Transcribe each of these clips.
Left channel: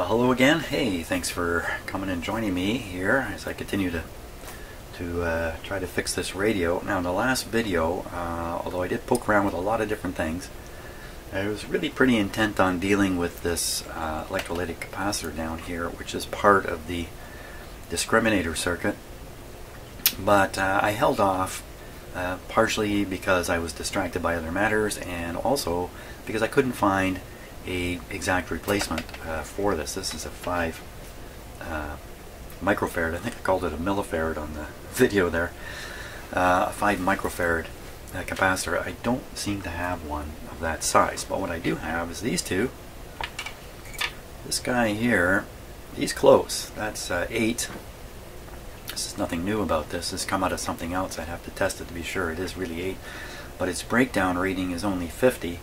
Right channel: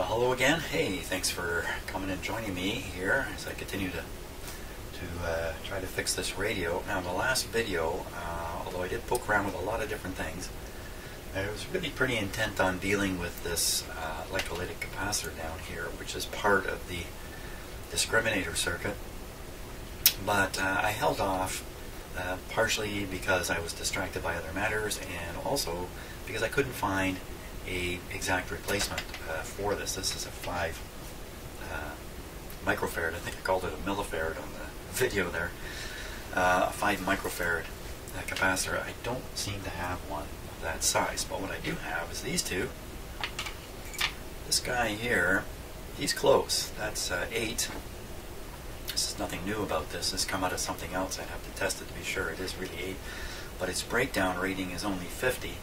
Well, hello again. Hey, thanks for coming and joining me here as I continue to try to fix this radio. Now, in the last video, although I did poke around with a lot of different things, I was really pretty intent on dealing with this electrolytic capacitor down here, which is part of the discriminator circuit. But I held off partially because I was distracted by other matters, and also because I couldn't find a exact replacement for this. This is a 5 microfarad. I think I called it a millifarad on the video there. A 5 microfarad capacitor. I don't seem to have one of that size, but what I do have is these two. This guy here, he's close. That's 8. This is nothing new about this. This has come out of something else. I'd have to test it to be sure. It is really 8, but its breakdown rating is only 50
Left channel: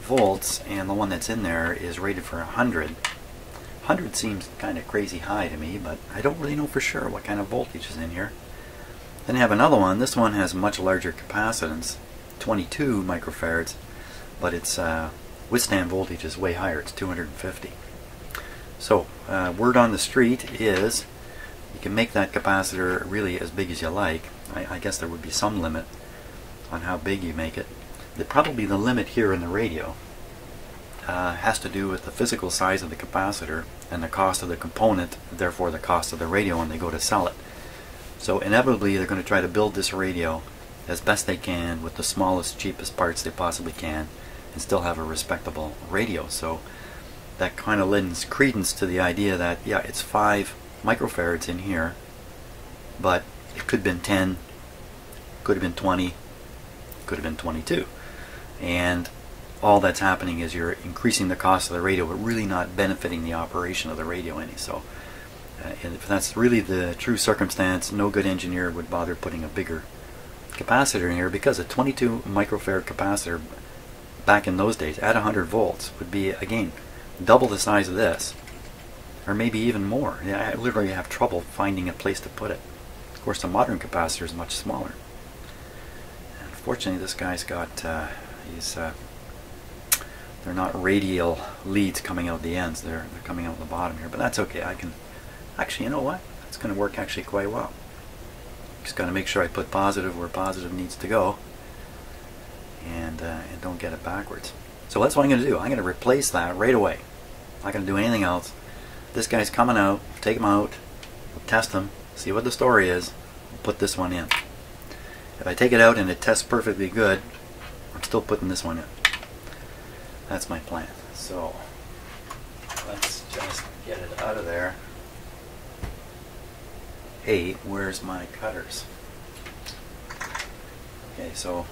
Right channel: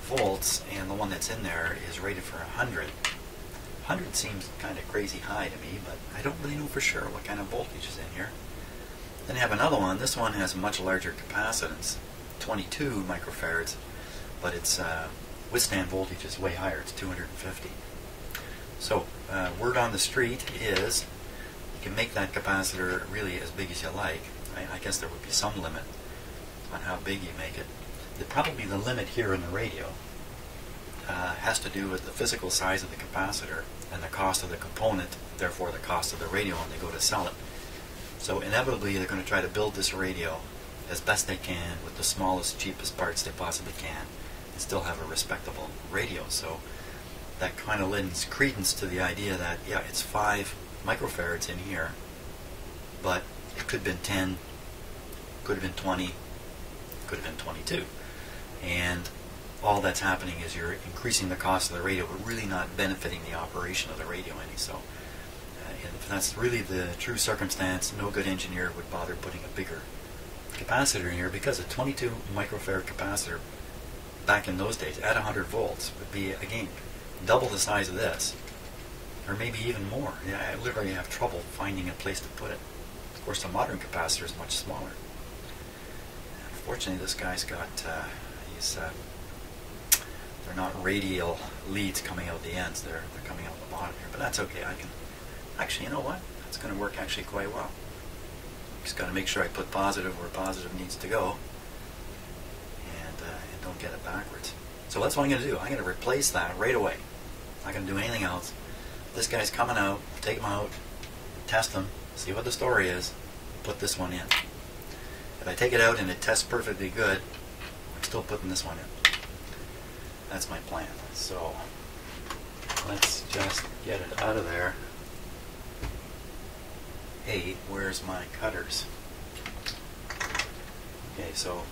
volts, and the one that's in there is rated for 100. 100 seems kind of crazy high to me, but I don't really know for sure what kind of voltage is in here. Then I have another one. This one has much larger capacitance, 22 microfarads, but its withstand voltage is way higher. It's 250. So word on the street is you can make that capacitor really as big as you like. I guess there would be some limit on how big you make it. Probably the limit here in the radio has to do with the physical size of the capacitor and the cost of the component, therefore the cost of the radio when they go to sell it. So inevitably they're going to try to build this radio as best they can with the smallest, cheapest parts they possibly can and still have a respectable radio. So that kind of lends credence to the idea that, yeah, it's 5 microfarads in here, but it could have been 10, could have been 20, could have been 22. And all that's happening is you're increasing the cost of the radio, but really not benefiting the operation of the radio any. So if that's really the true circumstance, no good engineer would bother putting a bigger capacitor in here, because a 22 microfarad capacitor back in those days at 100 volts would be, again, double the size of this, or maybe even more. I literally have trouble finding a place to put it. Of course, the modern capacitor is much smaller. And fortunately, this guy's got they're not radial leads coming out the ends. They're coming out the bottom here, but that's okay. I can actually, you know what? That's going to work actually quite well. Just got to make sure I put positive where positive needs to go, and don't get it backwards. So that's what I'm going to do. I'm going to replace that right away. I'm not going to do anything else. This guy's coming out. Take him out. Test him. See what the story is. Put this one in. If I take it out and it tests perfectly good, I'm still putting this one in. That's my plan. So let's just get it out of there. Hey, where's my cutters? Okay, so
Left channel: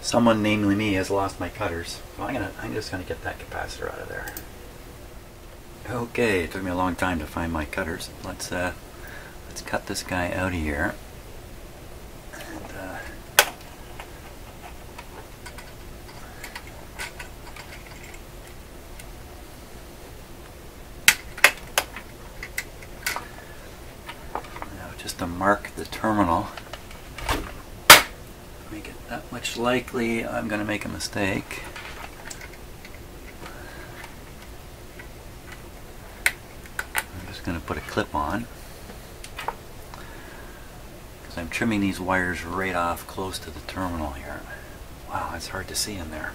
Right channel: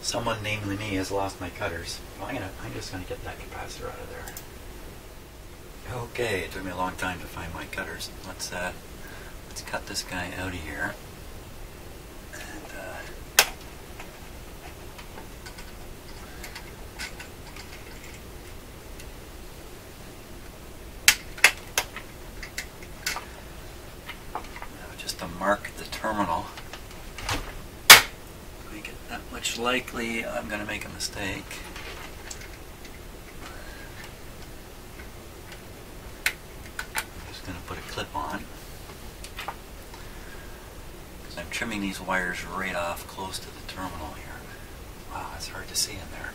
someone, namely me, has lost my cutters. So I'm just gonna get that capacitor out of there. Okay, it took me a long time to find my cutters. Let's cut this guy out of here. And just to mark the terminal, make it that much likely I'm going to make a mistake. I'm just going to put a clip on, because I'm trimming these wires right off close to the terminal here. Wow, it's hard to see in there.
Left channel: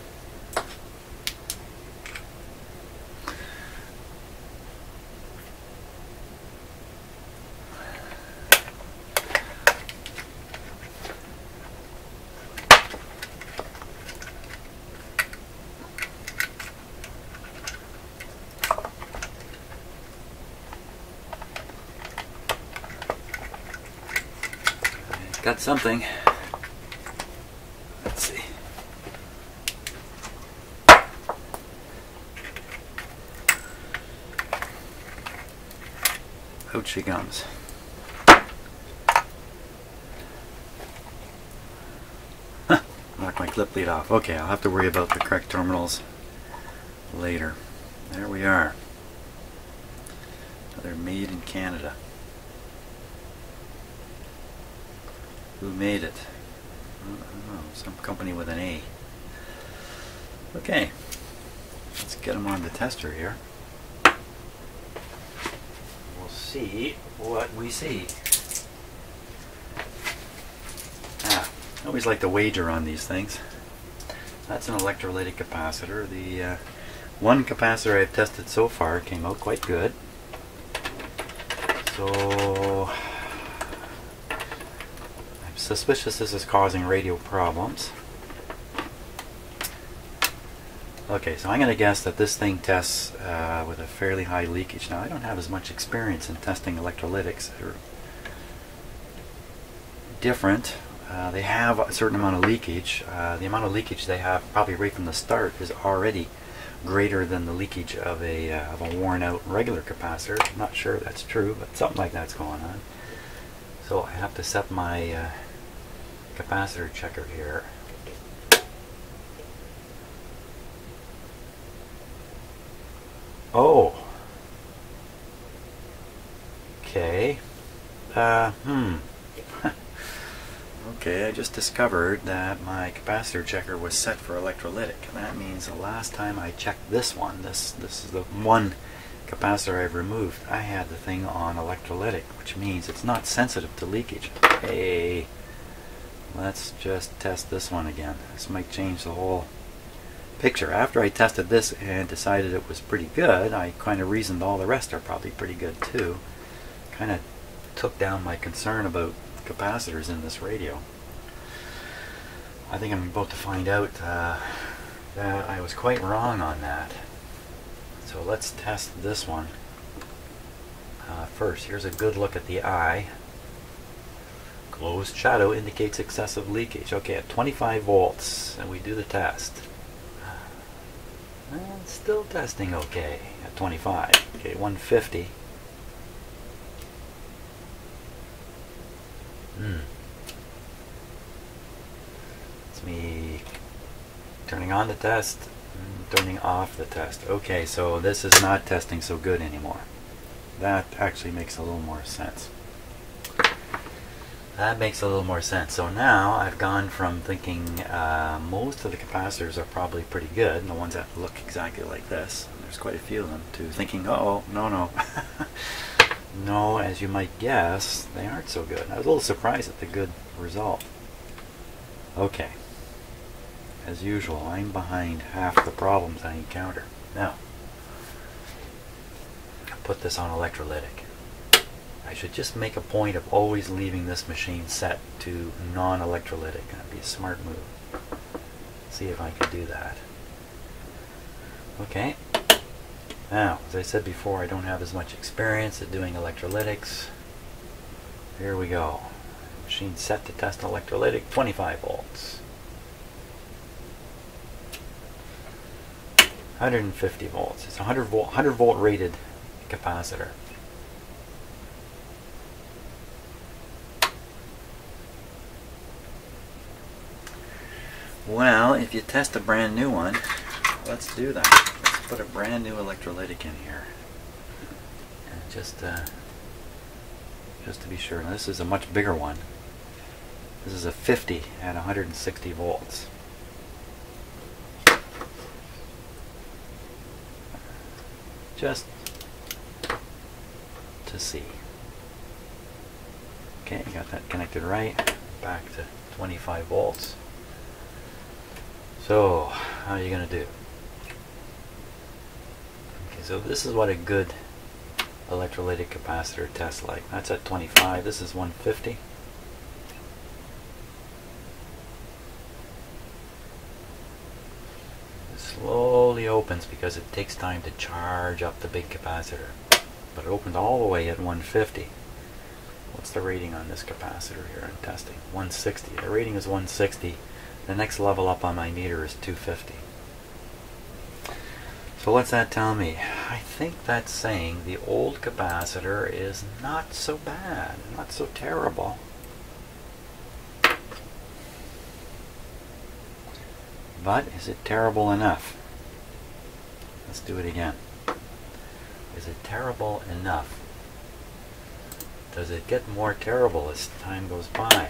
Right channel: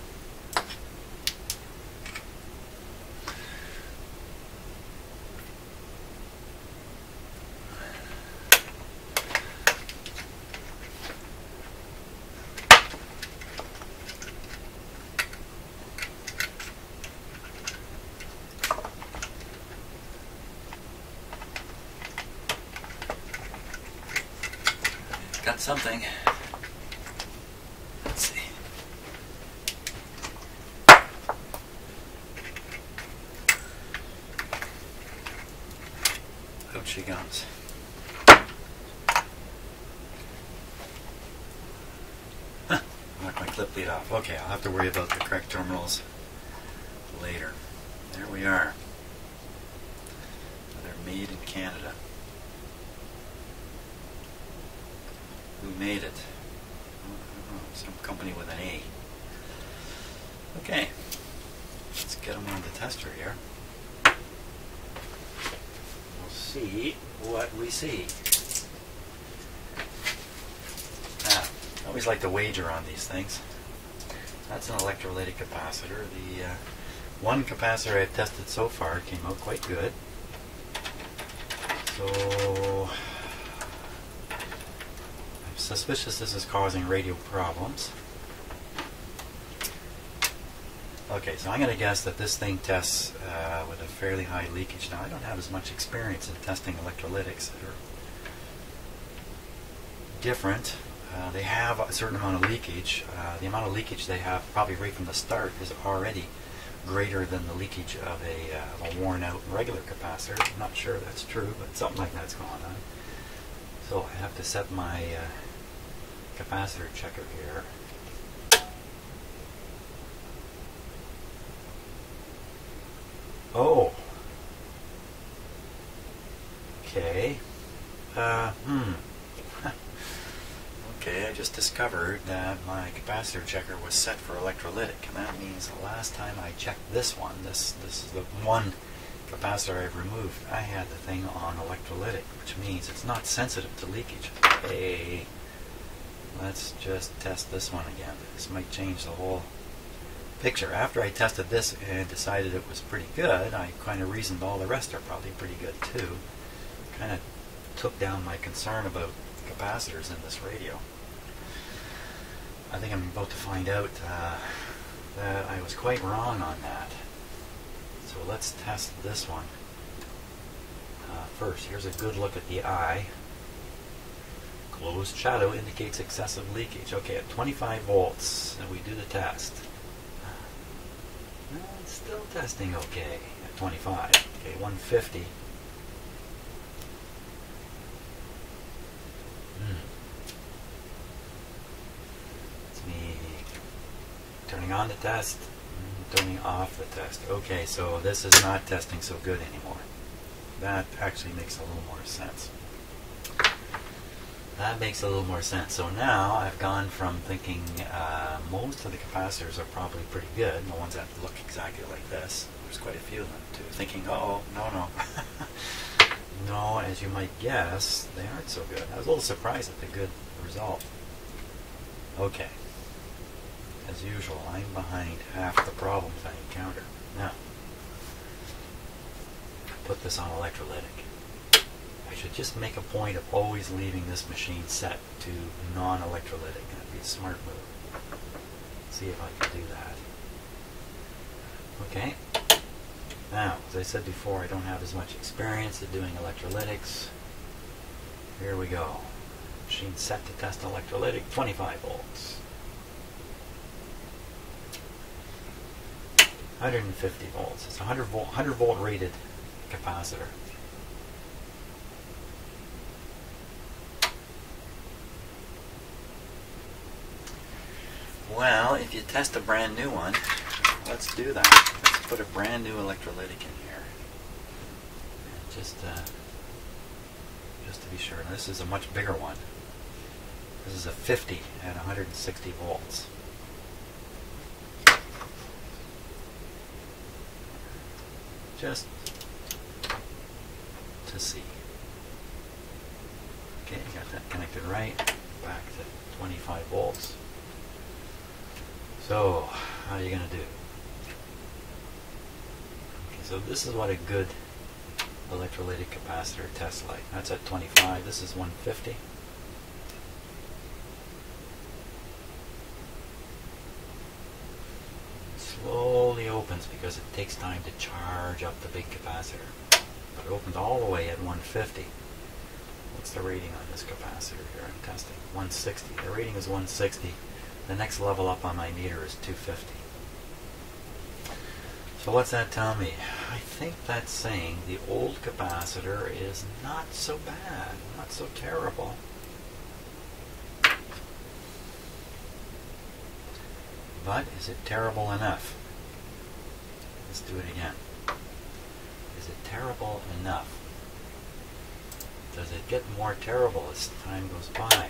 Got something. Let's see. Out she comes. Knock my clip lead off. Okay, I'll have to worry about the correct terminals later. There we are. They're made in Canada. Who made it? I don't know, some company with an A. Okay, let's get them on the tester here. see what we see. Ah, I always like to wager on these things. That's an electrolytic capacitor. The one capacitor I've tested so far came out quite good. So I'm suspicious this is causing radio problems. Okay, so I'm going to guess that this thing tests with a fairly high leakage. Now, I don't have as much experience in testing electrolytics. They're different. They have a certain amount of leakage. The amount of leakage they have probably right from the start is already greater than the leakage of a worn out regular capacitor. I'm not sure that's true, but something like that's going on. So I have to set my capacitor checker here. Oh. Okay. Okay, I just discovered that my capacitor checker was set for electrolytic, and that means the last time I checked this one, this is the one capacitor I've removed, I had the thing on electrolytic, which means it's not sensitive to leakage. Okay, let's just test this one again. This might change the whole picture. After I tested this and decided it was pretty good, I kind of reasoned all the rest are probably pretty good too. Kind of took down my concern about capacitors in this radio. I think I'm about to find out that I was quite wrong on that. So let's test this one first. Here's a good look at the eye. Closed shadow indicates excessive leakage. Okay, at 25 volts, and we do the test. Still testing okay at 25. Okay, 150. It's me turning on the test, turning off the test. Okay, so this is not testing so good anymore. That actually makes a little more sense. That makes a little more sense. So now I've gone from thinking most of the capacitors are probably pretty good, the ones that look exactly like this, and there's quite a few of them, to thinking, oh, no. No, as you might guess, they aren't so good. I was a little surprised at the good result. Okay. As usual, I'm behind half the problems I encounter. Now, put this on electrolytic. I should just make a point of always leaving this machine set to non-electrolytic. That'd be a smart move. See if I can do that. Okay. Now, as I said before, I don't have as much experience at doing electrolytics. Here we go. Machine set to test electrolytic, 25 volts. 150 volts. It's a 100 volt rated capacitor. Well, if you test a brand new one, let's do that. Let's put a brand new electrolytic in here. And just to be sure. Now, this is a much bigger one. This is a 50 at 160 volts. Just to see. Okay, got that connected right. Back to 25 volts. So, how are you going to do? Okay, so this is what a good electrolytic capacitor tests like. That's at 25. This is 150. It slowly opens because it takes time to charge up the big capacitor. But it opened all the way at 150. What's the rating on this capacitor here I'm testing? 160. The rating is 160. The next level up on my meter is 250. So what's that tell me? I think that's saying the old capacitor is not so bad, not so terrible. But is it terrible enough? Let's do it again. Is it terrible enough? Does it get more terrible as time goes by?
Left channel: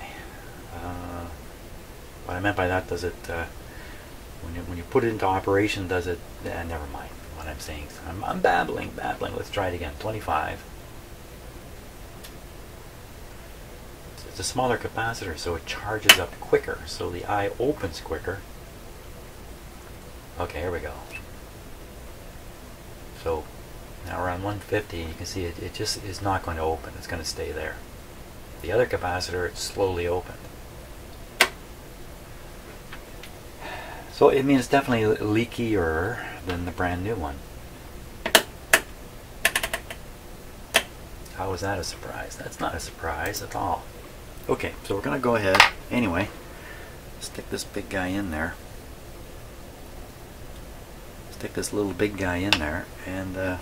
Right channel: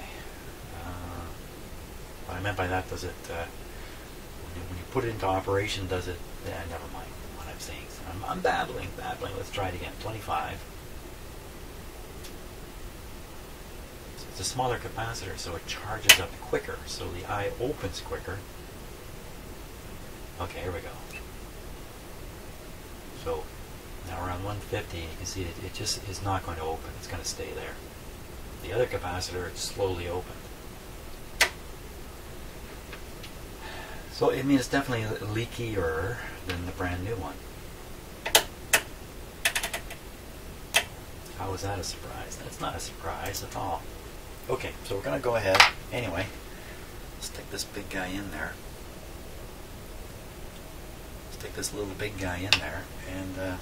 What I meant by that, does it, when you put it into operation, does it, never mind what I'm saying. So I'm babbling. Let's try it again. 25. a smaller capacitor, so it charges up quicker, so the eye opens quicker. Okay, here we go. So now around 150, you can see it just is not going to open. It's going to stay there. The other capacitor, it slowly opened. So it means it's definitely leakier than the brand new one. How was that a surprise? That's not a surprise at all. Okay, so we're going to go ahead anyway. Stick this big guy in there. Stick this little big guy in there, and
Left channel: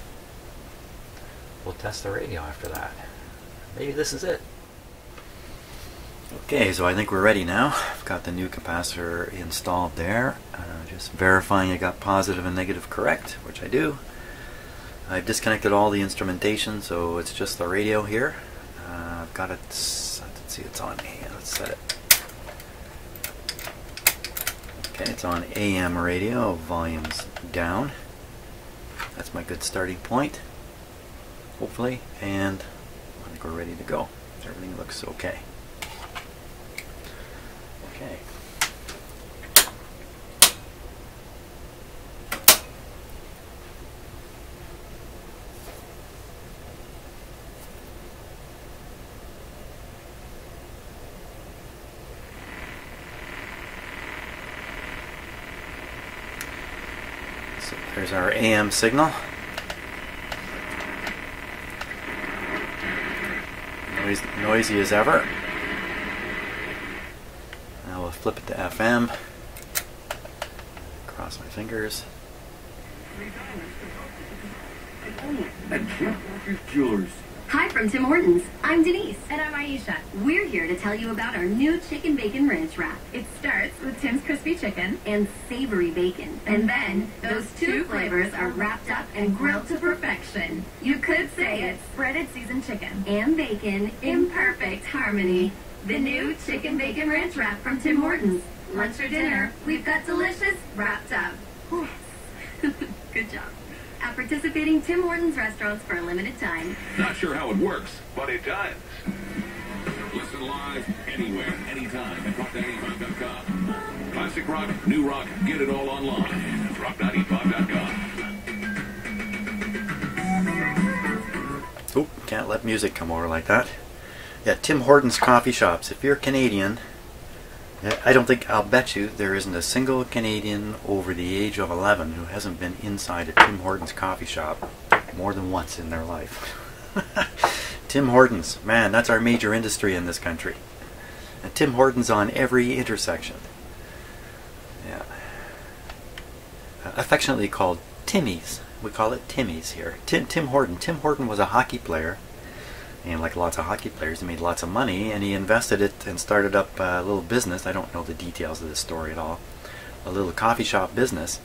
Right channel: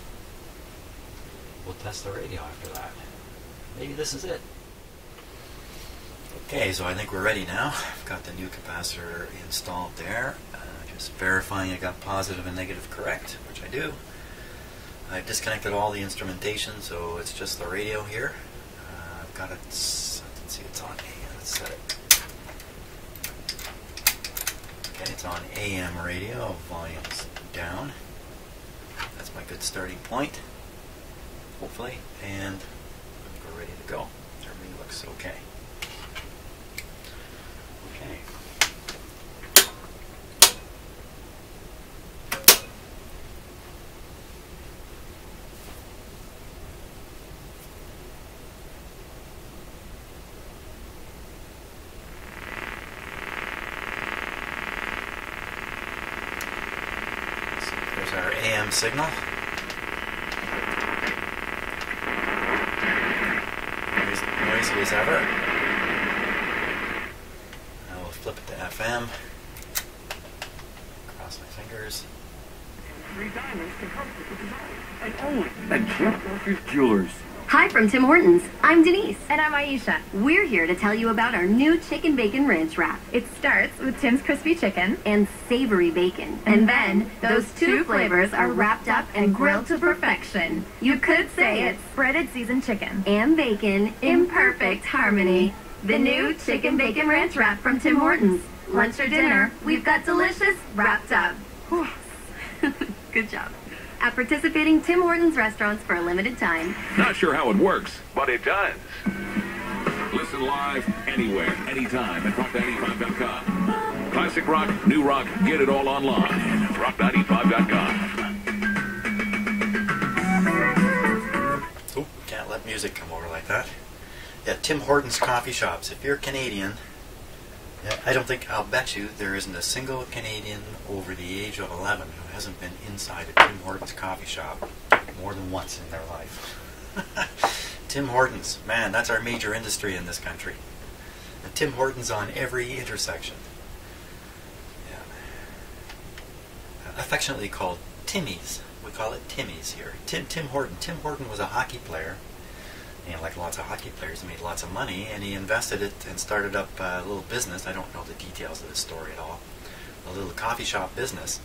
we'll test the radio after that. Maybe this is it. Okay, so I think we're ready now. I've got the new capacitor installed there. Just verifying I got positive and negative correct, which I do. I've disconnected all the instrumentation, so it's just the radio here. I've got it, let's see, it's on AM, let's set it. Okay, it's on AM radio, volume's down. That's my good starting point, hopefully, and I think we're ready to go. Everything looks okay. Okay. So there's our AM signal. Noisy as ever. Now we'll flip it to FM. Cross my fingers. Jewelers. Hi from Tim Hortons. I'm Denise. And I'm Aisha. We're here to tell you about our new chicken bacon ranch wrap. It starts with Tim's crispy chicken And savory bacon. And then those two flavors are wrapped up and grilled to perfection. You could say it's breaded seasoned chicken and bacon in perfect harmony. The new chicken bacon ranch wrap from Tim Hortons. Lunch or dinner, we've got delicious wrapped up. Good job. At participating Tim Hortons restaurants for a limited time. Not sure how it works, but it does. Listen live, anywhere, anytime at rock95.com. Classic rock, new rock, get it all online at rock95.com. Oh, can't let music come over like that. Yeah, Tim Hortons coffee shops. If you're Canadian, I'll bet you there isn't a single Canadian over the age of 11 who hasn't been inside a Tim Hortons coffee shop more than once in their life. Tim Hortons, man, that's our major industry in this country. And Tim Hortons on every intersection. Yeah. Affectionately called Timmy's. We call it Timmy's here. Tim Horton. Tim Horton was a hockey player. And like lots of hockey players, he made lots of money, and he invested it and started up a little business. I don't know the details of this story at all. A little coffee shop business.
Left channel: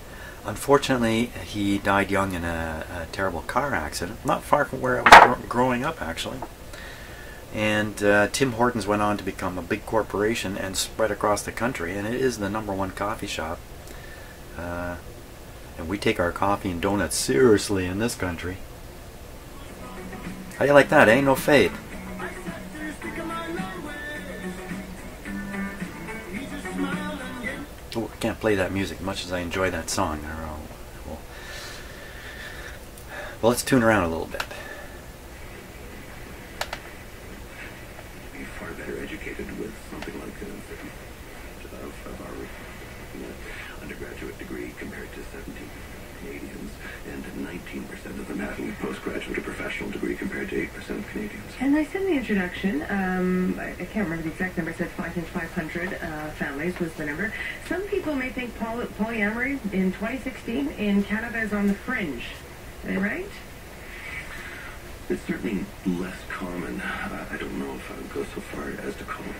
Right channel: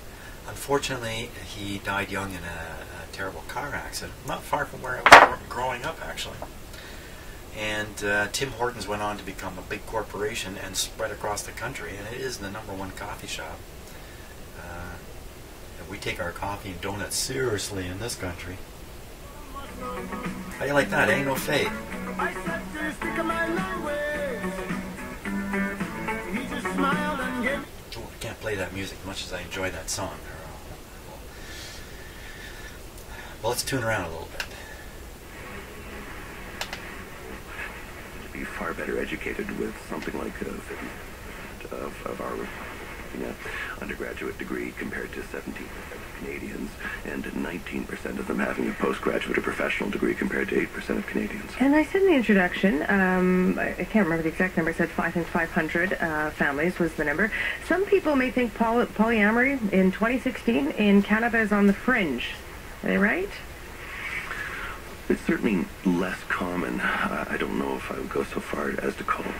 Unfortunately, he died young in a terrible car accident, not far from where I was growing up, actually. And Tim Hortons went on to become a big corporation and spread across the country, and it is the #1 coffee shop. And we take our coffee and donuts seriously in this country. How you like that, eh? No fade. Oh, I can't play that music much as I enjoy that song. Well, let's tune around a little bit. To be far better educated with something like of our undergraduate degree compared to 17% of Canadians, and 19% of them having a postgraduate or professional degree compared to 8% of Canadians. And I said in the introduction, I can't remember the exact number, I said 500 families was the number. Some people may think polyamory in 2016 in Canada is on the fringe. Are they right? It's certainly less common. I don't know if I would go so far as to call it.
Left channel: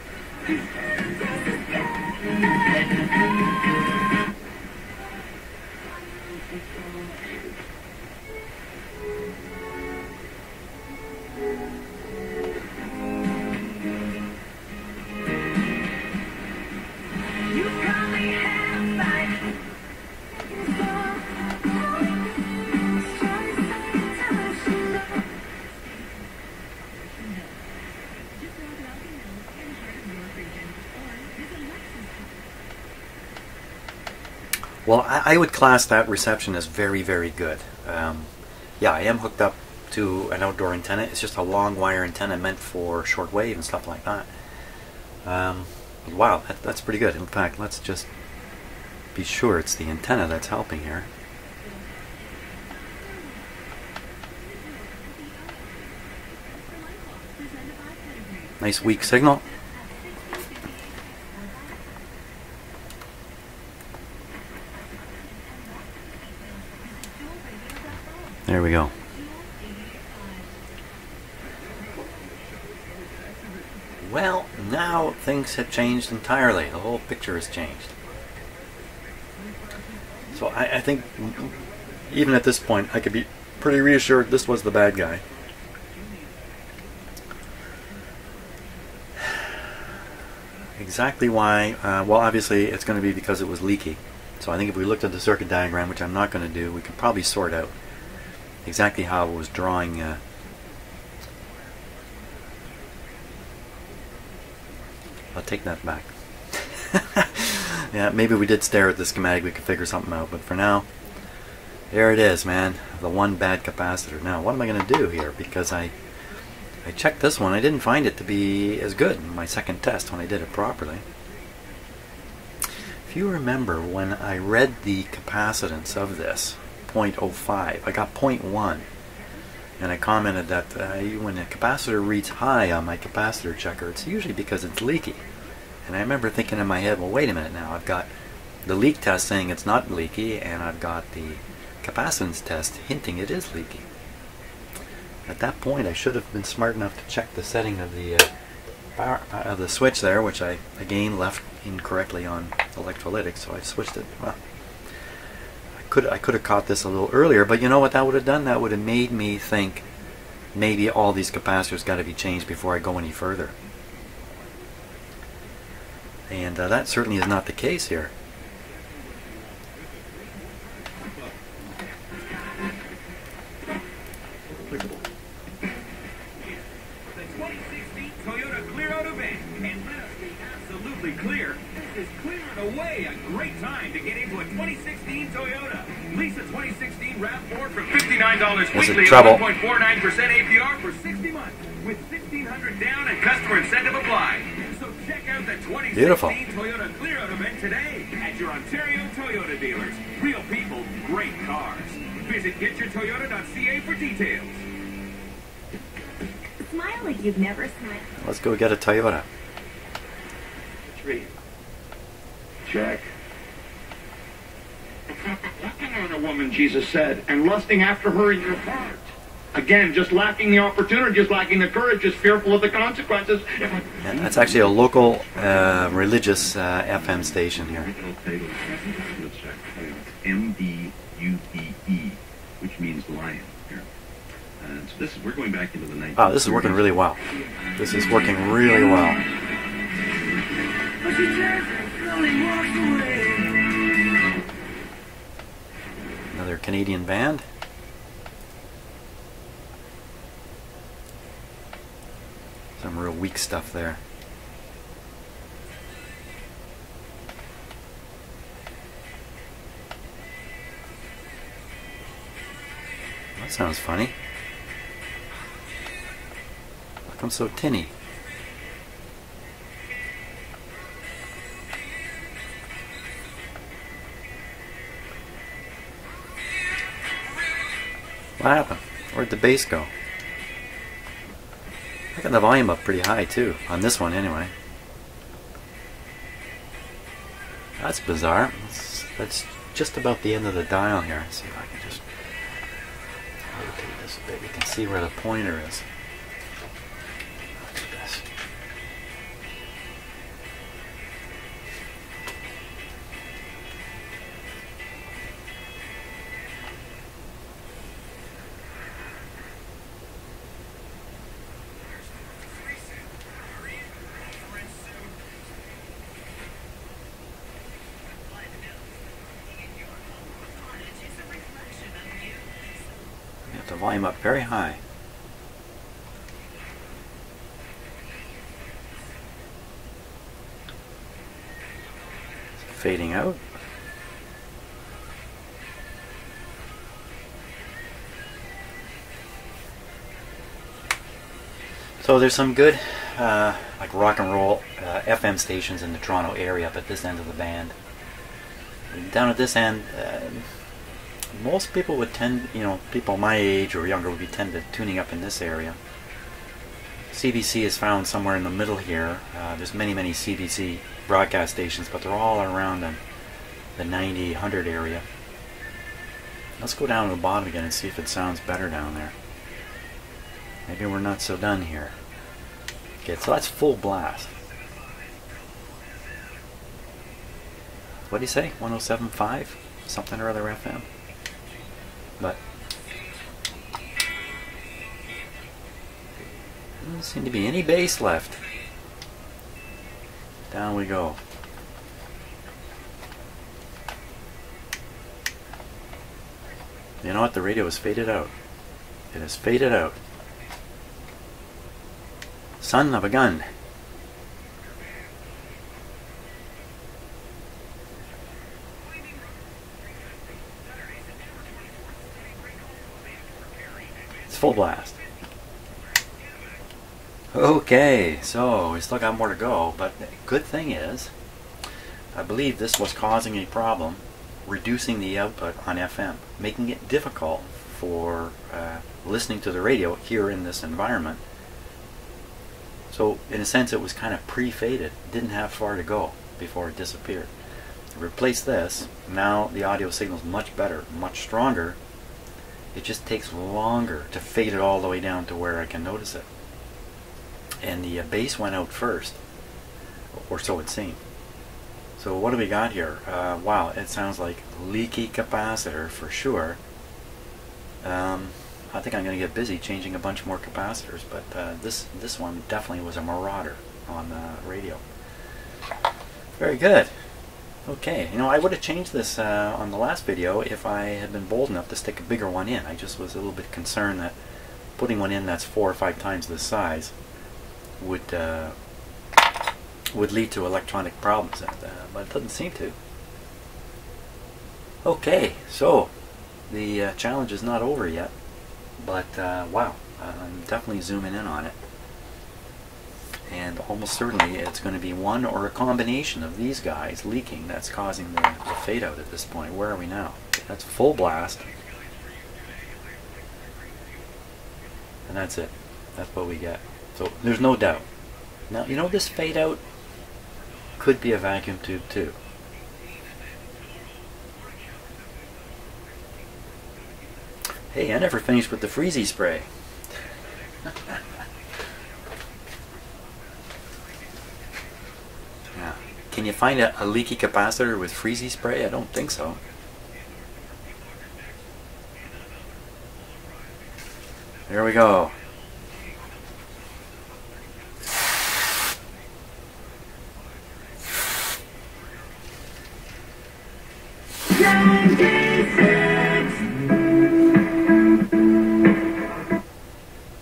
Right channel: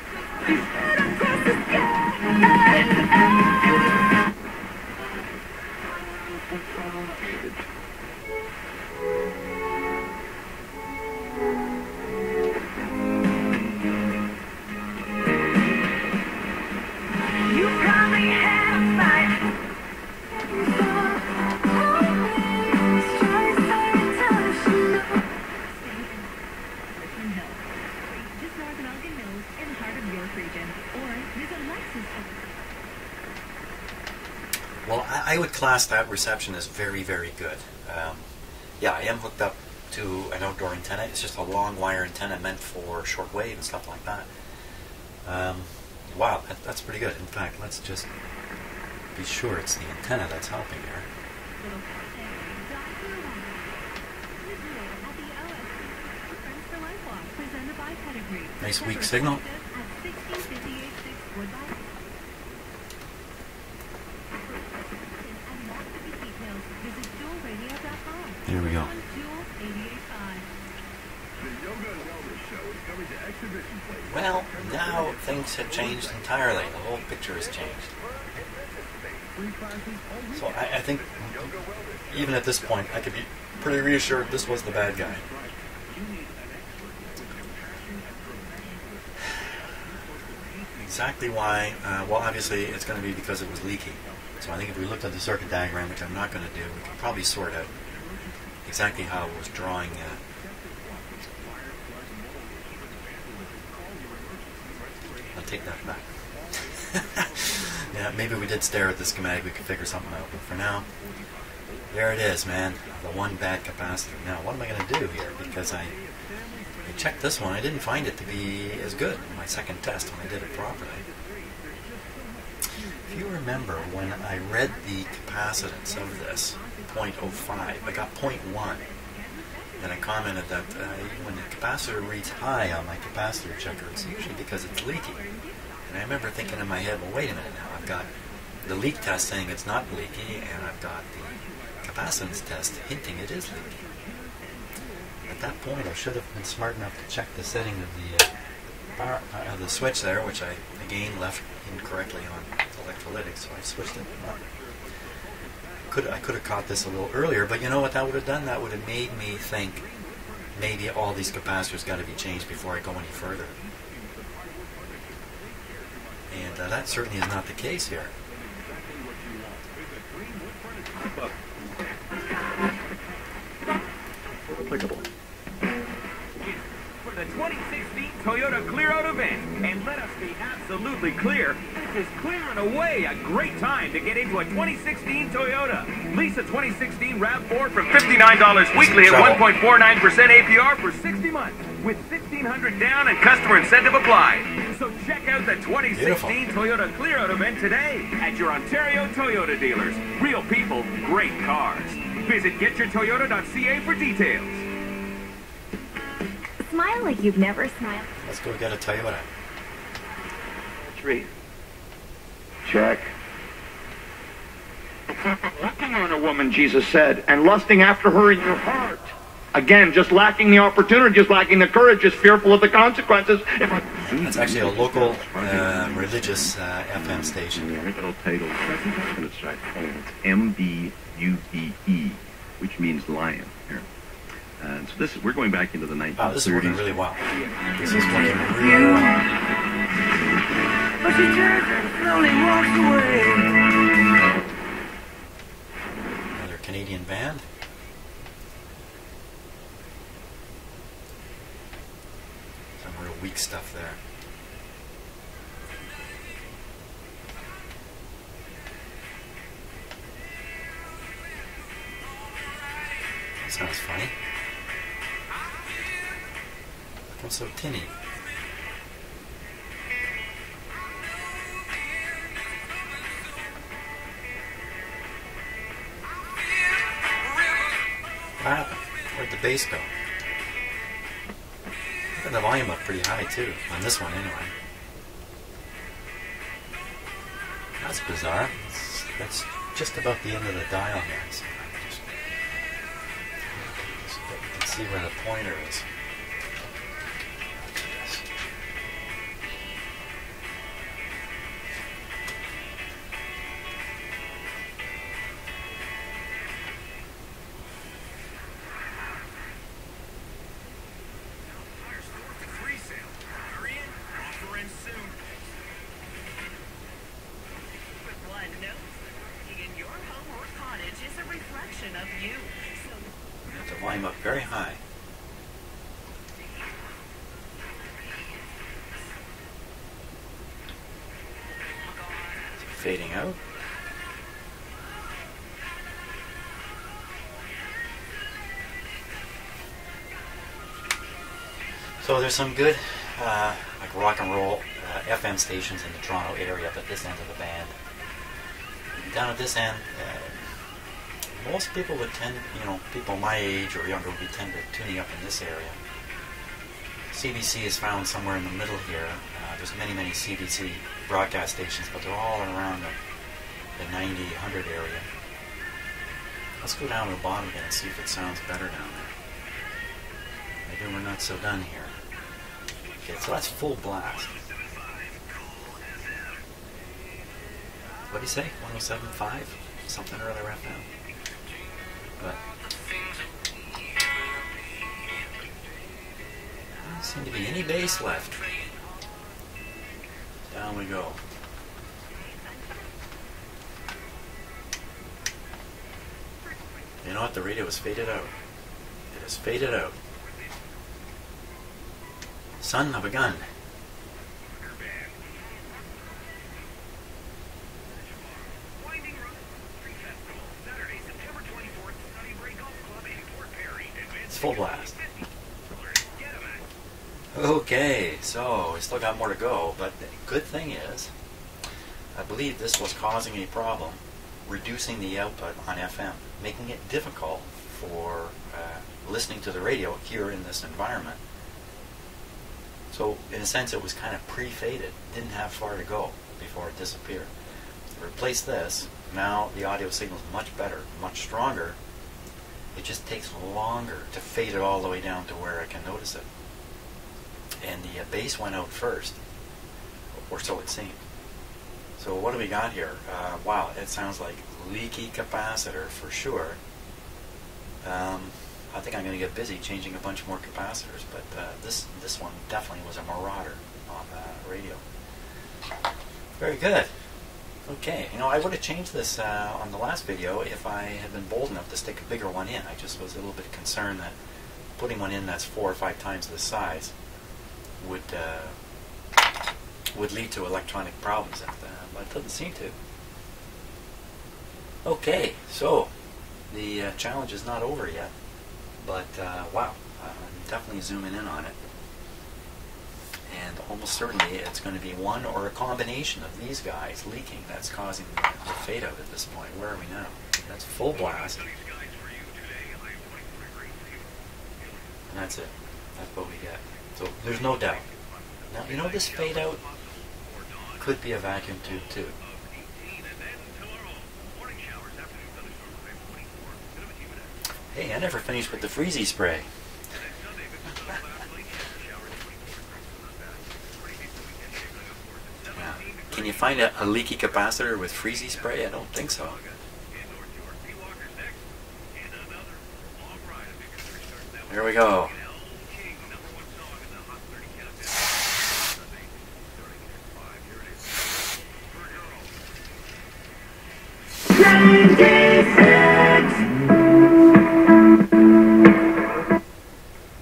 Just north of Elgin Hills in Hart I would class that reception as very, very good. Yeah, I am hooked up to an outdoor antenna. It's just a long wire antenna meant for shortwave and stuff like that. Wow, that's pretty good. In fact, let's just be sure it's the antenna that's helping here. Nice weak signal. There we go. Well, now things have changed entirely. The whole picture has changed. So I think even at this point I could be pretty reassured this was the bad guy. Exactly why, well obviously it's going to be because it was leaky. So I think if we looked at the circuit diagram, which I'm not going to do, we could probably sort out exactly how it was drawing. I'll take that back. Yeah, maybe we did stare at the schematic, we could figure something out, but for now, there it is, man. The one bad capacitor. Now, what am I going to do here? Because I checked this one, I didn't find it to be as good in my second test when I did it properly. If you remember, when I read the capacitance of this, 0.05, I got 0.1, and I commented that when the capacitor reads high on my capacitor checker, it's usually because it's leaky. And I remember thinking in my head, well, wait a minute now, I've got the leak test saying it's not leaky, and I've got the capacitance test hinting it is leaky. At that point, I should have been smart enough to check the setting of the switch there, which I again left incorrectly on electrolytic, so I switched it. Well, I could have caught this a little earlier, but you know what that would have done? That would have made me think maybe all these capacitors got to be changed before I go any further. And that certainly is not the case here. Applicable. For the 2016 Toyota Clear Out event, and let us be absolutely clear, this is clearing away a great time to get into a 2016 Toyota. Lease a 2016 RAV4 from $59 weekly at 1.49% APR for 60 months, with $1,600 down and customer incentive applied. So check out the 2016 Beautiful. Toyota Clear Out event today at your Ontario Toyota dealers. Real people, great cars. Visit getyourtoyota.ca for details. Smile like you've never smiled. Let's go get a Toyota. 3. Check. Looking on a woman, Jesus said, and lusting after her in your heart. Again, just lacking the opportunity, just lacking the courage, just fearful of the consequences. That's actually a local religious FM station here. Original title, let's try M-B-U-B-E, which means lion. Here. And so this is, we're going back into the 1930s. Wow, this is working really well. This is working really well. But she turns and slowly walks away. Another Canadian band. Some real weak stuff there. That sounds funny. How come so tinny? What happened? Where'd the bass go? I got the volume up pretty high too, on this one anyway. That's bizarre. That's just about the end of the dial here. Let's see if I can just make this big. You can see where the pointer is. Got the volume up very high. Fading out. So there's some good like rock and roll FM stations in the Toronto area up at this end of the band. Down at this end, most people would tend, people my age or younger would be tend to tuning up in this area. CBC is found somewhere in the middle here. There's many CBC broadcast stations, but they're all around the 90, 100 area. Let's go down to the bottom again and see if it sounds better down there. Maybe we're not so done here. Okay, so that's full blast. What do you say? 107.5? Something or other FM. But there doesn't seem to be any bass left. Down we go. You know what? The radio is faded out. It is faded out. Son of a gun. It's full blast. Okay, so we still got more to go, but the good thing is, I believe this was causing a problem, reducing the output on FM, making it difficult for listening to the radio here in this environment. So in a sense it was kind of pre-faded, didn't have far to go before it disappeared. Replace this, now the audio signal is much better, much stronger. It just takes longer to fade it all the way down to where I can notice it. And the bass went out first, or so it seemed. So what do we got here? Wow, it sounds like leaky capacitor for sure. I think I'm going to get busy changing a bunch more capacitors, but this one definitely was a marauder on the radio. Very good. Okay, I would have changed this on the last video if I had been bold enough to stick a bigger one in. I just was a little bit concerned that putting one in that's 4 or 5 times this size would lead to electronic problems, but it doesn't seem to. Okay, so the challenge is not over yet, but wow, I'm definitely zooming in on it. And almost certainly it's going to be one or a combination of these guys leaking that's causing the fade out at this point. Where are we now? That's full blast. And that's it. That's what we get. So there's no doubt. Now, this fade out could be a vacuum tube too. Hey, I never finished with the freezy spray. Yeah. Can you find a leaky capacitor with freezy spray? I don't think so. There we go.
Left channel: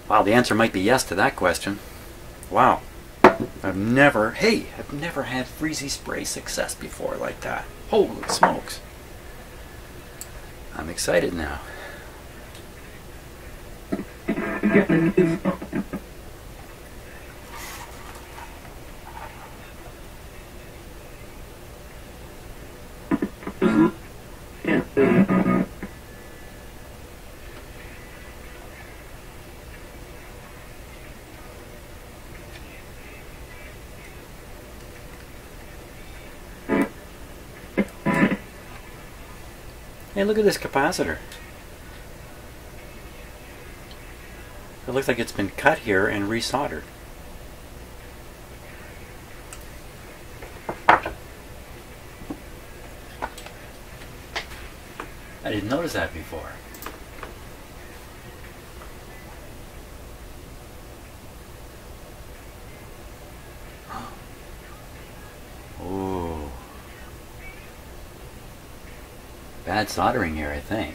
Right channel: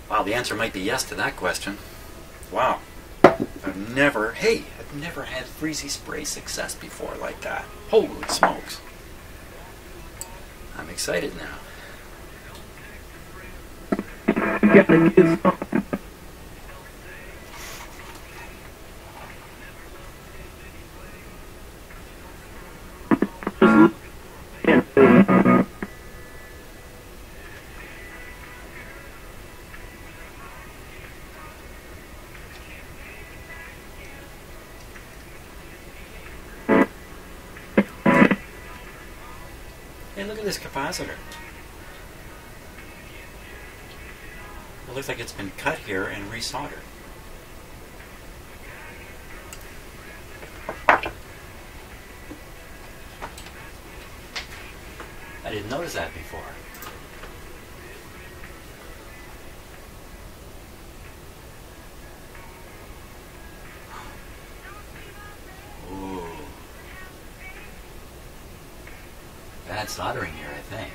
Wow, the answer might be yes to that question. Wow. I've never had freezy spray success before like that. Holy smokes. I'm excited now. Hey, look at this capacitor. It looks like it's been cut here and resoldered. I didn't notice that before. Ooh. Bad soldering here, I think.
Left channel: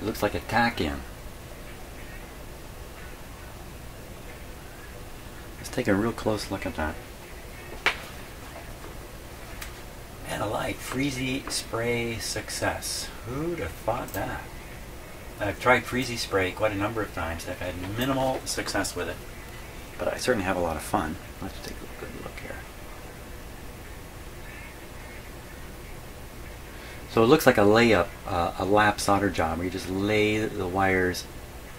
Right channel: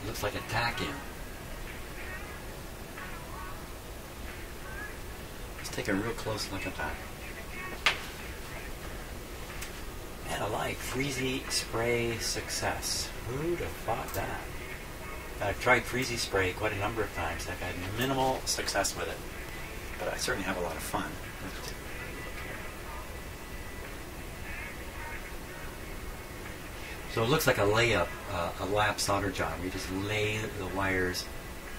It looks like a tack-in. Let's take a real close look at that. And a light freezy spray success. Who'd have thought that? I've tried freezy spray quite a number of times. I've had minimal success with it, but I certainly have a lot of fun. Let's take a good look here. So it looks like a layup, a lap solder job, where you just lay the wires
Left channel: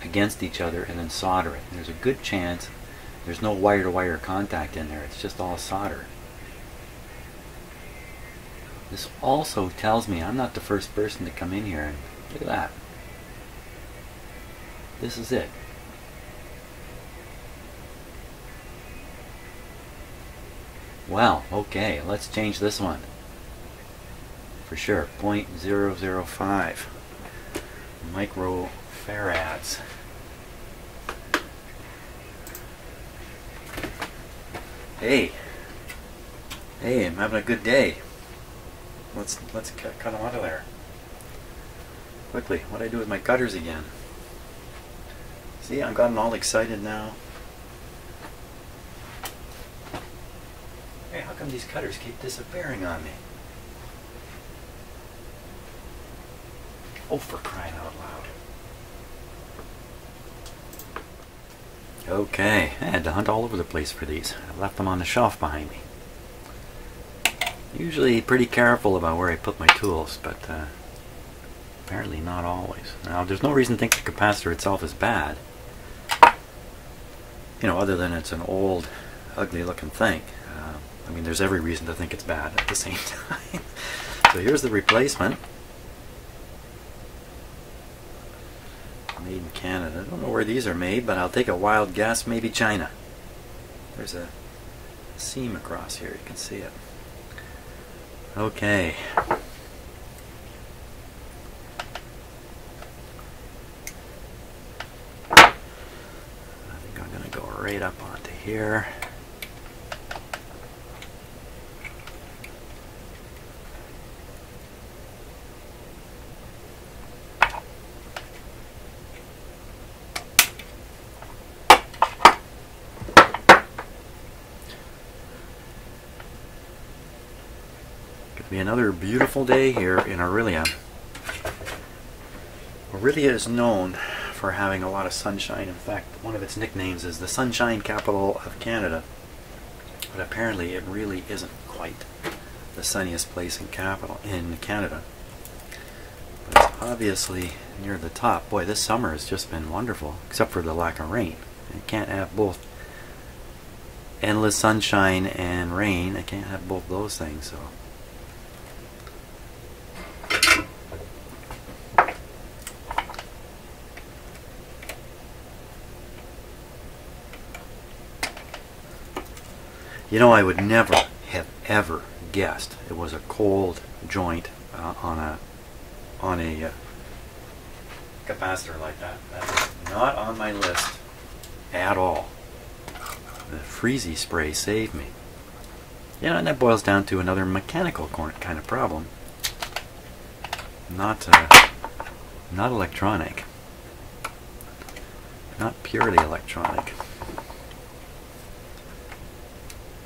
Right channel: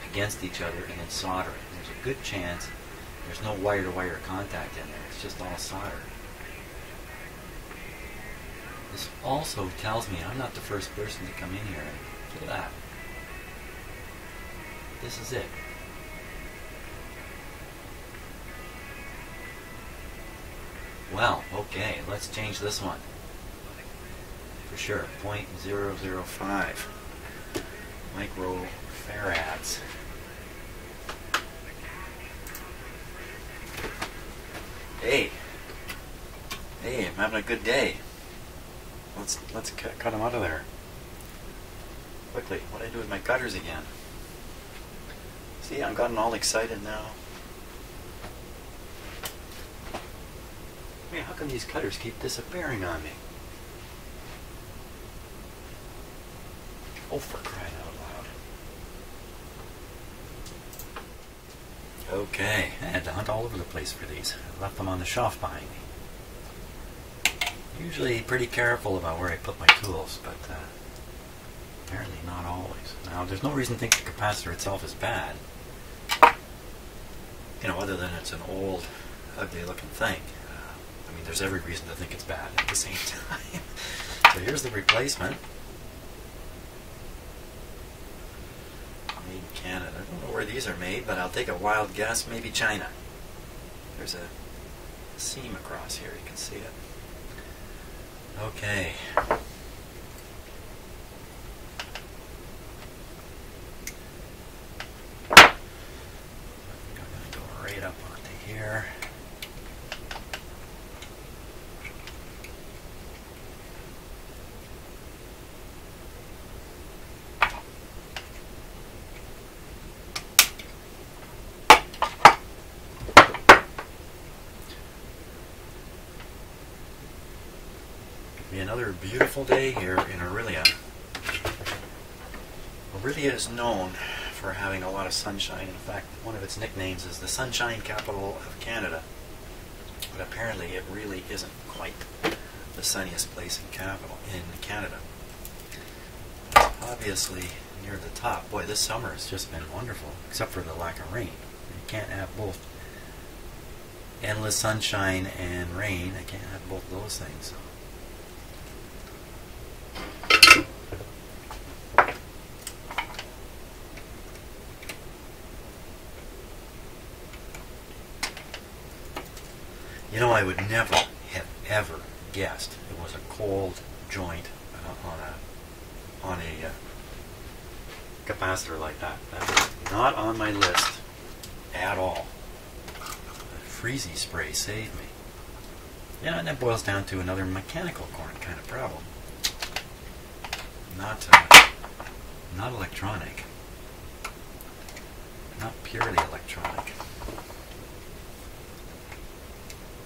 against each other and then solder it. There's a good chance there's no wire-to-wire contact in there. It's just all solder. This also tells me I'm not the first person to come in here and look at that. This is it. Well, okay, let's change this one. For sure, 0.005 microfarads. Hey, I'm having a good day. Let's cut them out of there quickly. What do I do with my cutters again? See, I've gotten all excited now. Hey, how come these cutters keep disappearing on me? Oh, for crying out loud. Okay, I had to hunt all over the place for these. I left them on the shelf behind me. Usually pretty careful about where I put my tools, but apparently not always. Now, there's no reason to think the capacitor itself is bad. You know, other than it's an old, ugly-looking thing. I mean, there's every reason to think it's bad at the same time. So here's the replacement. Made in Canada. I don't know where these are made, but I'll take a wild guess. Maybe China. There's a seam across here. You can see it. Okay. I think I'm going to go right up onto here. Be another beautiful day here in Aurelia. Aurelia is known for having a lot of sunshine. In fact, one of its nicknames is the Sunshine Capital of Canada. But apparently it really isn't quite the sunniest place in Canada. But it's obviously near the top. Boy, this summer has just been wonderful, except for the lack of rain. You can't have both endless sunshine and rain. I can't have both those things. So. You know, I would never have ever guessed it was a cold joint on a capacitor like that. That was not on my list at all. The freezy spray saved me. Yeah, and that boils down to another mechanical kind of problem. Not electronic. Not purely electronic.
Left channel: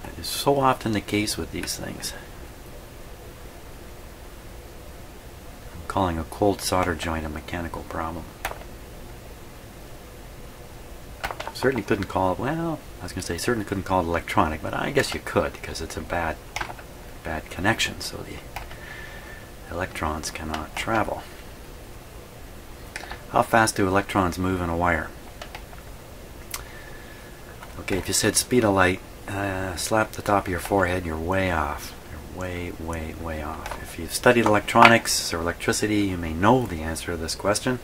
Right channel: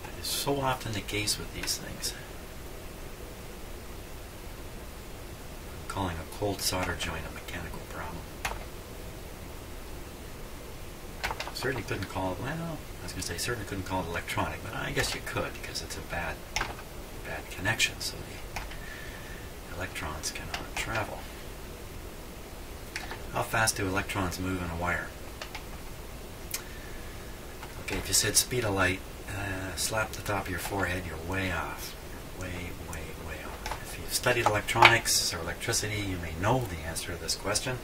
That is so often the case with these things. I'm calling a cold solder joint a mechanical problem. Certainly couldn't call it, well, I was going to say certainly couldn't call it electronic, but I guess you could because it's a bad connection, so the electrons cannot travel. How fast do electrons move in a wire? Okay, if you said speed of light, slap the top of your forehead, you're way off. You're way, way, way off. If you've studied electronics or electricity, you may know the answer to this question.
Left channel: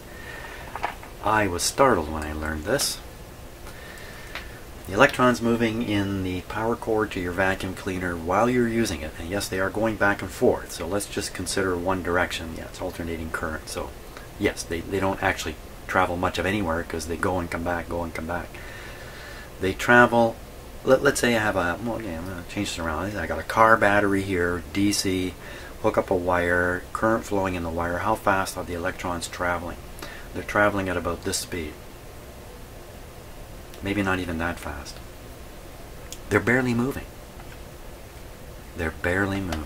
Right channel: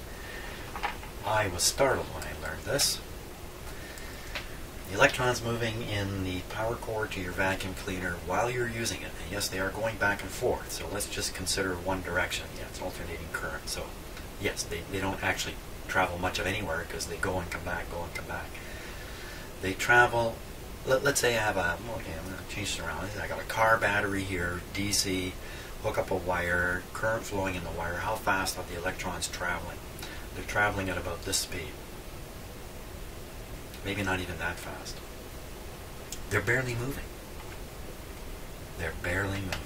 I was startled when I learned this. The electrons moving in the power cord to your vacuum cleaner while you're using it, and yes, they are going back and forth, so let's just consider one direction. Yeah, it's alternating current, so yes, they don't actually travel much of anywhere because they go and come back, go and come back. They travel, let's say I have a, well, yeah, I'm going to change this around. I got a car battery here, DC, hook up a wire, current flowing in the wire. How fast are the electrons traveling? They're traveling at about this speed. Maybe not even that fast. They're barely moving. They're barely moving.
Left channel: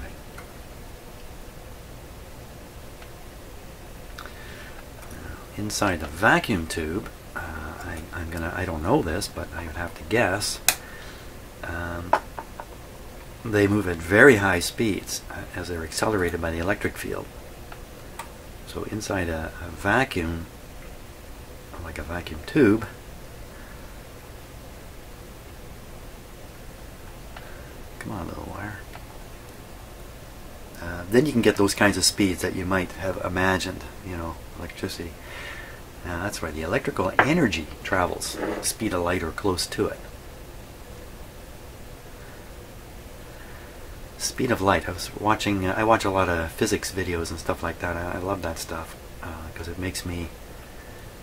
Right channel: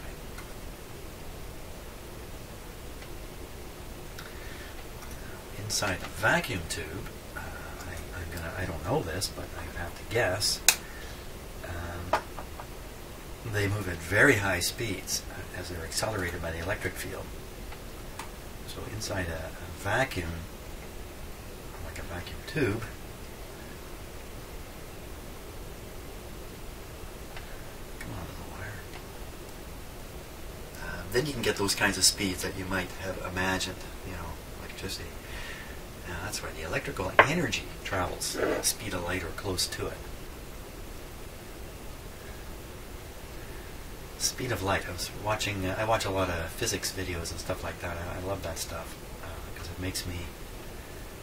inside the vacuum tube, I don't know this, but I would have to guess, they move at very high speeds as they're accelerated by the electric field. So inside a vacuum, like a vacuum tube, come on, little wire, then you can get those kinds of speeds that you might have imagined, you know, electricity. That's why the electrical energy travels the speed of light or close to it. Speed of light. I watch a lot of physics videos and stuff like that. I love that stuff because it makes me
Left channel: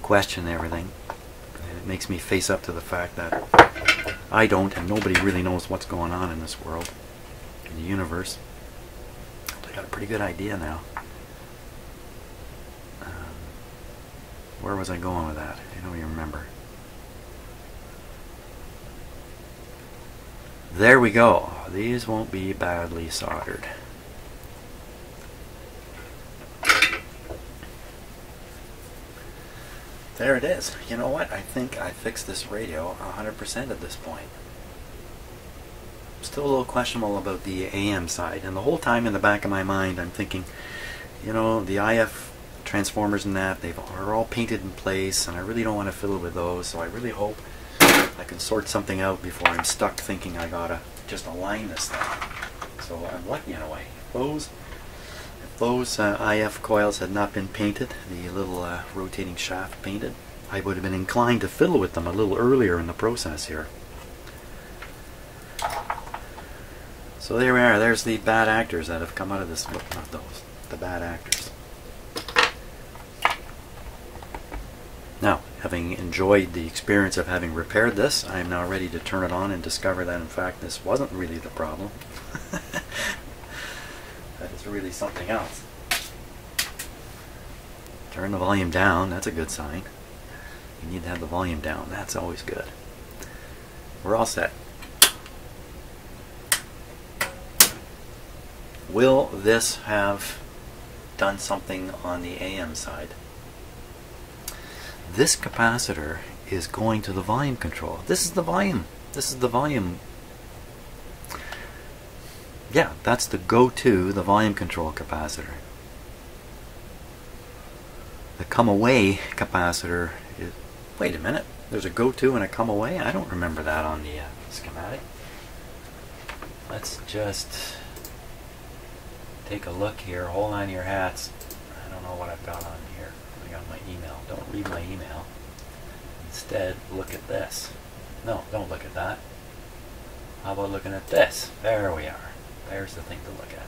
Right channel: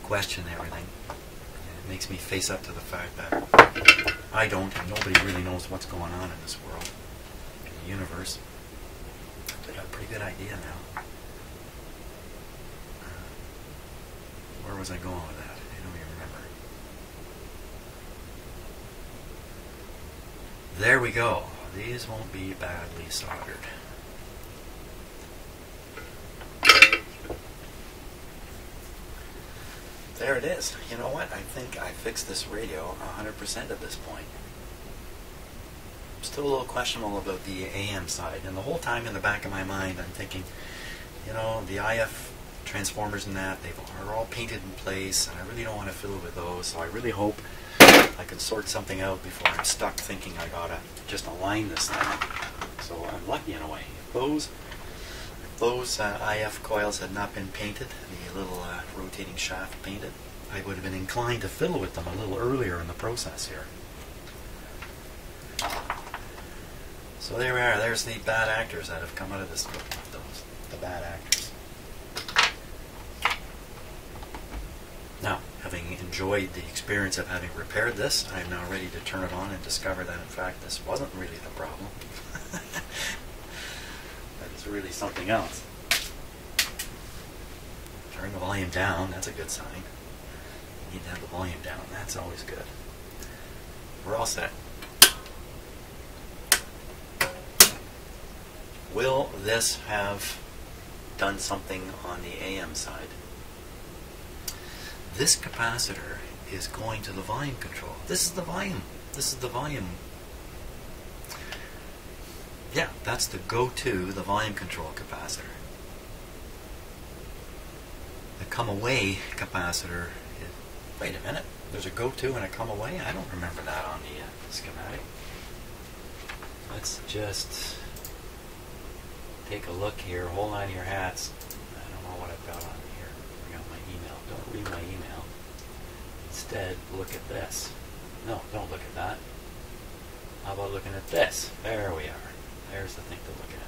question everything. It makes me face up to the fact that I don't, and nobody really knows what's going on in this world, in the universe. I got a pretty good idea now. Where was I going with that? I don't even remember. There we go. These won't be badly soldered. There it is. You know what? I think I fixed this radio 100% at this point. Still a little questionable about the AM side. And the whole time in the back of my mind I'm thinking, you know, the IF transformers and that, are all painted in place, and I really don't want to fiddle with those, so I really hope I can sort something out before I'm stuck thinking I gotta just align this thing. So I'm lucky in a way. If those IF coils had not been painted, the little rotating shaft painted, I would have been inclined to fiddle with them a little earlier in the process here. So there we are. There's the bad actors that have come out of this. Well, not those. The bad actors. Now, having enjoyed the experience of having repaired this, I am now ready to turn it on and discover that in fact this wasn't really the problem. That it's really something else. Turn the volume down, that's a good sign. You need to have the volume down, that's always good. We're all set. Will this have done something on the AM side? This capacitor is going to the volume control. This is the volume. This is the volume. Yeah, that's the go-to, the volume control capacitor. The come-away capacitor is... Wait a minute. There's a go-to and a come-away? I don't remember that on the schematic. Let's just take a look here. Hold on to your hats. I don't know what I've got on here. I got my email. Don't read my email. Instead, look at this. No, don't look at that. How about looking at this? There we are. There's the thing to look at.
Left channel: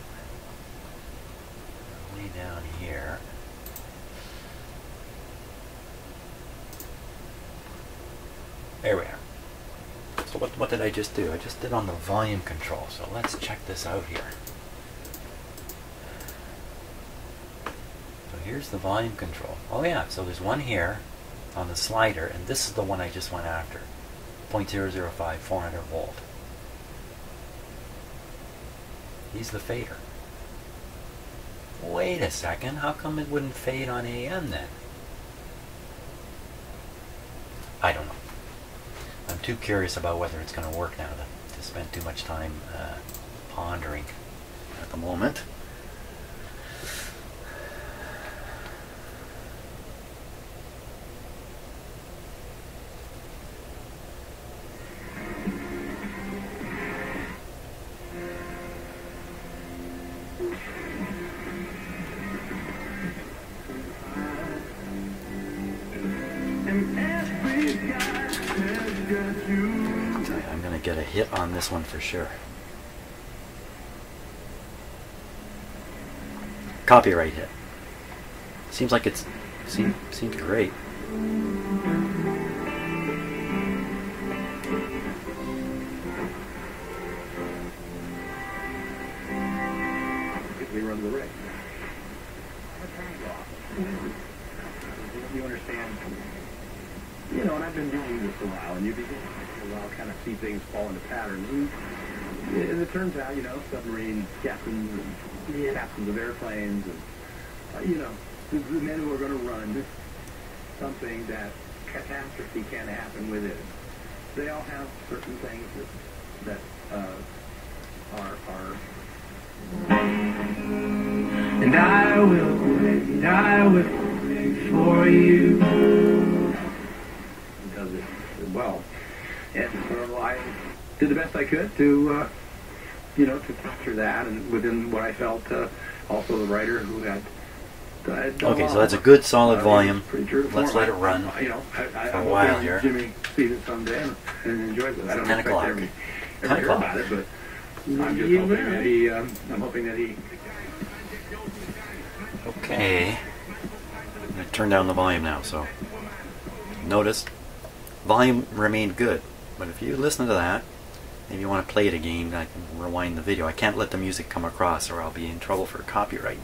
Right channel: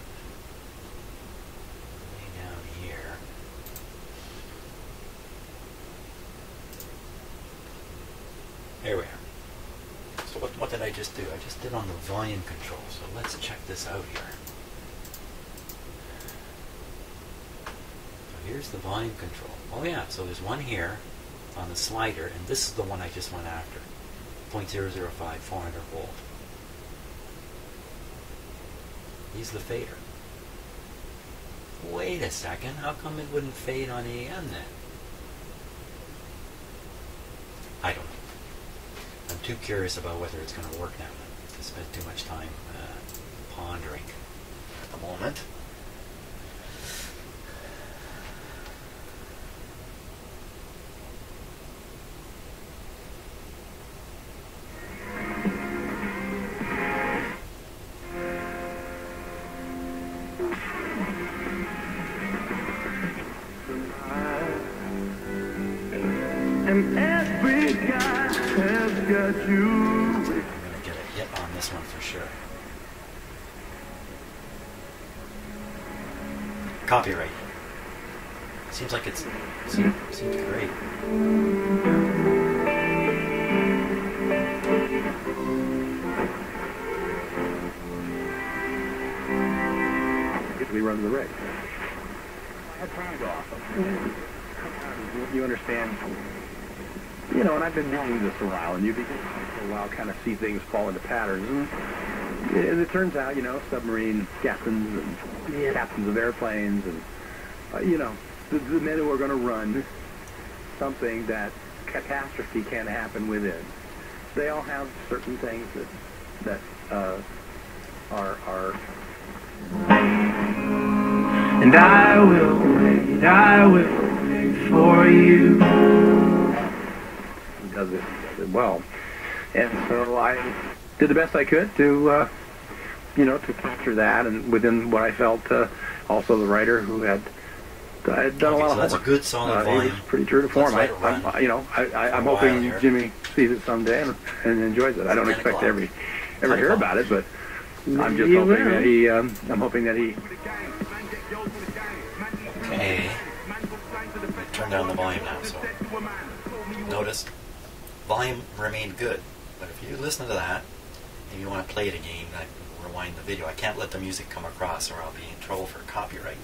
Way down here. There we are. So what did I just do? I just did on the volume control. So let's check this out here. So here's the volume control. Oh yeah, so there's one here on the slider, and this is the one I just went after. 0.005, 400 volt. He's the fader. Wait a second, how come it wouldn't fade on AM then? I don't know. I'm too curious about whether it's going to work now to spend too much time pondering at the moment. I'm going to get a hit on this one for sure. Copyright hit. Seems like it's seems great. We run the rig. I had time to off. You understand? You know, and I've been doing this a while, and you begin after a while kind of see things fall into patterns. And it turns out, you know, submarine captains and captains of airplanes and, you know, the men who are going to run something that catastrophe can happen within. They all have certain things that are. And I will wait for you. Does it well, and so I did the best I could to to capture that, and within what I felt, also the writer who had done a lot Okay, of so that's a homework. good solid volume. Pretty true to form. Let's let it run I'm for a while hoping here. Jimmy sees it someday and enjoys it. I don't 10 expect o'clock. to ever hear about it, but I'm just You hoping will. that he. I'm hoping that he. Okay. I turned down the volume now, so notice volume remained good. But if you listen to that, if you want to play it again, I can rewind the video. I can't let the music come across or I'll be in trouble for copyright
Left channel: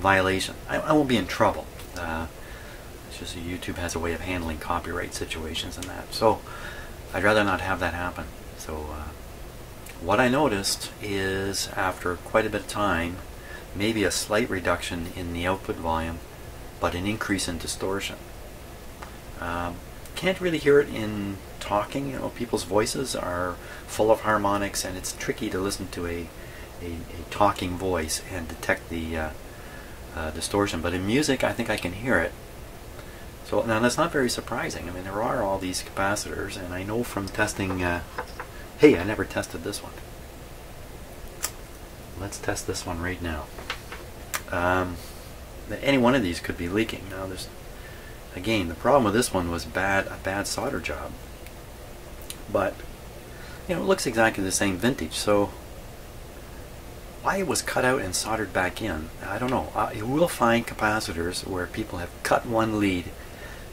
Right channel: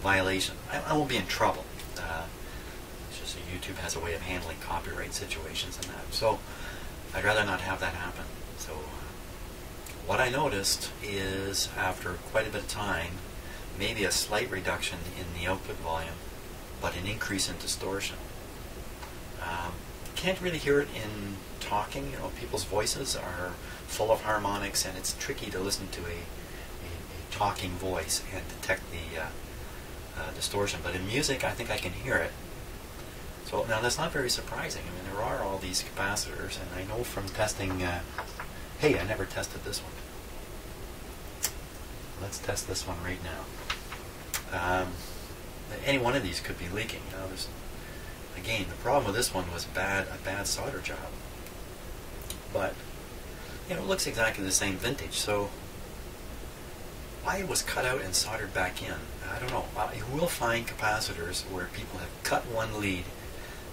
violation. I won't be in trouble. It's just that YouTube has a way of handling copyright situations and that. So I'd rather not have that happen. So what I noticed is after quite a bit of time, maybe a slight reduction in the output volume, but an increase in distortion. Can't really hear it in talking. You know, people's voices are full of harmonics, and it's tricky to listen to a talking voice and detect the distortion. But in music, I think I can hear it. So now that's not very surprising. I mean, there are all these capacitors, and I know from testing. Hey, I never tested this one. Let's test this one right now. Any one of these could be leaking. Now, there's again the problem with this one was a bad solder job. But you know, it looks exactly the same vintage. So why it was cut out and soldered back in, I don't know. You will find capacitors where people have cut one lead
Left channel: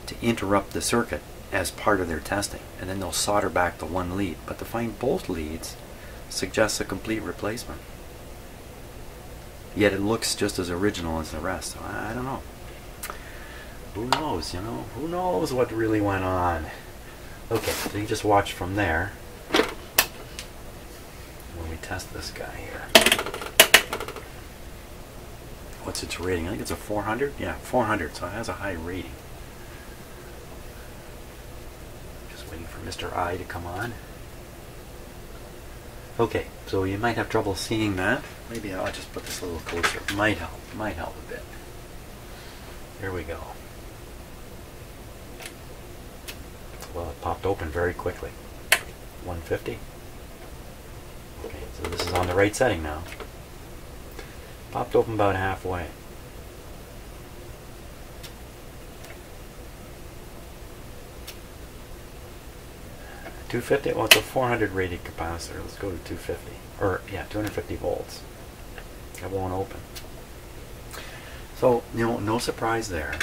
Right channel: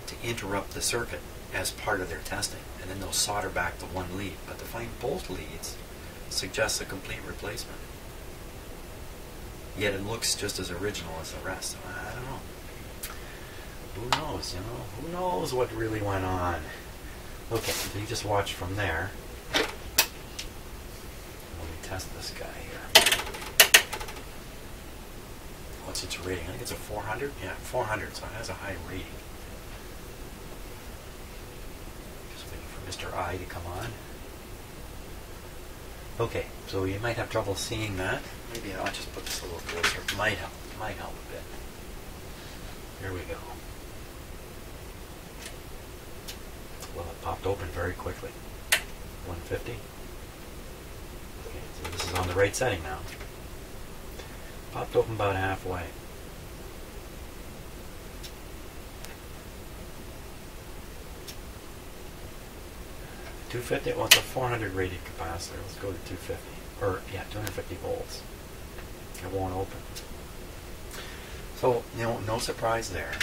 to interrupt the circuit as part of their testing, and then they'll solder back the one lead. But to find both leads suggests a complete replacement. Yet it looks just as original as the rest. So I don't know. Who knows, you know? Who knows what really went on? Okay, so you just watch from there. Let me test this guy here. What's its rating? I think it's a 400? Yeah, 400, so it has a high rating. Just waiting for Mr. I to come on. Okay, so you might have trouble seeing that. Maybe I'll just put this a little closer. Might help a bit. Here we go. Well, it popped open very quickly. 150. Okay, so this is on the right setting now. Popped open about halfway. $250. Well, it's a 400 rated capacitor. Let's go to 250. Or yeah, 250 volts. It won't open. So you know, no surprise there.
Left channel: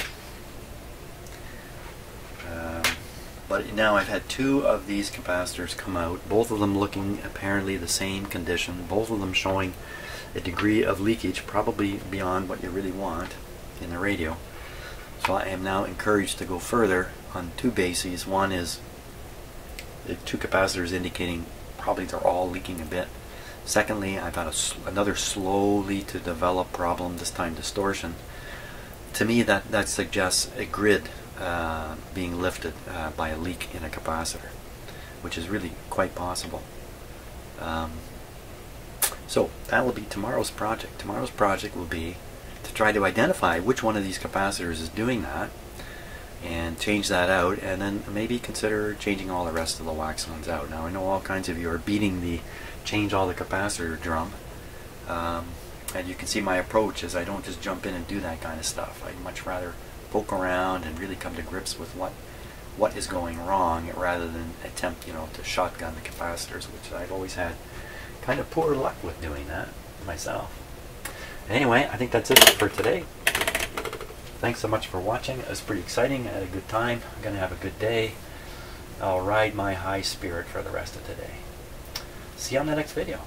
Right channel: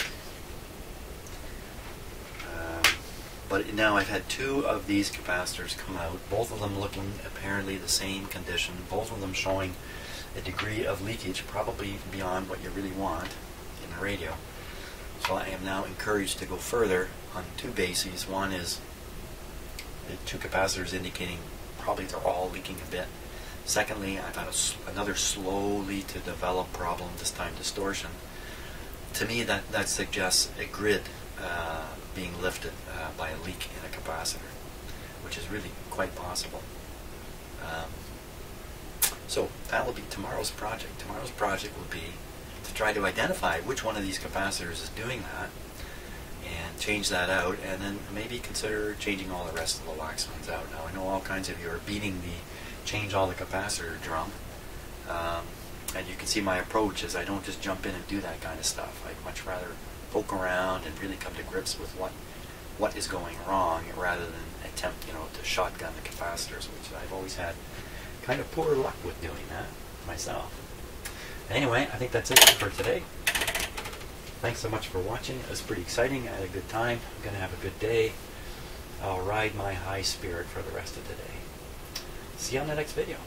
But now I've had two of these capacitors come out, both of them looking apparently the same condition, both of them showing a degree of leakage probably beyond what you really want in the radio. So I am now encouraged to go further on two bases. One is the two capacitors indicating probably they're all leaking a bit. Secondly, I've had another slowly to develop problem, this time distortion. To me that suggests a grid being lifted by a leak in a capacitor, which is really quite possible. So that will be tomorrow's project. Tomorrow's project will be to try to identify which one of these capacitors is doing that and change that out, and then maybe consider changing all the rest of the wax ones out. Now I know all kinds of you are beating the change all the capacitor drum, and you can see my approach is I don't just jump in and do that kind of stuff. I'd much rather poke around and really come to grips with what is going wrong rather than attempt, you know, to shotgun the capacitors, which I've always had kind of poor luck with doing that myself. Anyway, I think that's it for today. Thanks so much for watching. It was pretty exciting. I had a good time. I'm going to have a good day. I'll ride my high spirit for the rest of the day. See you on the next video.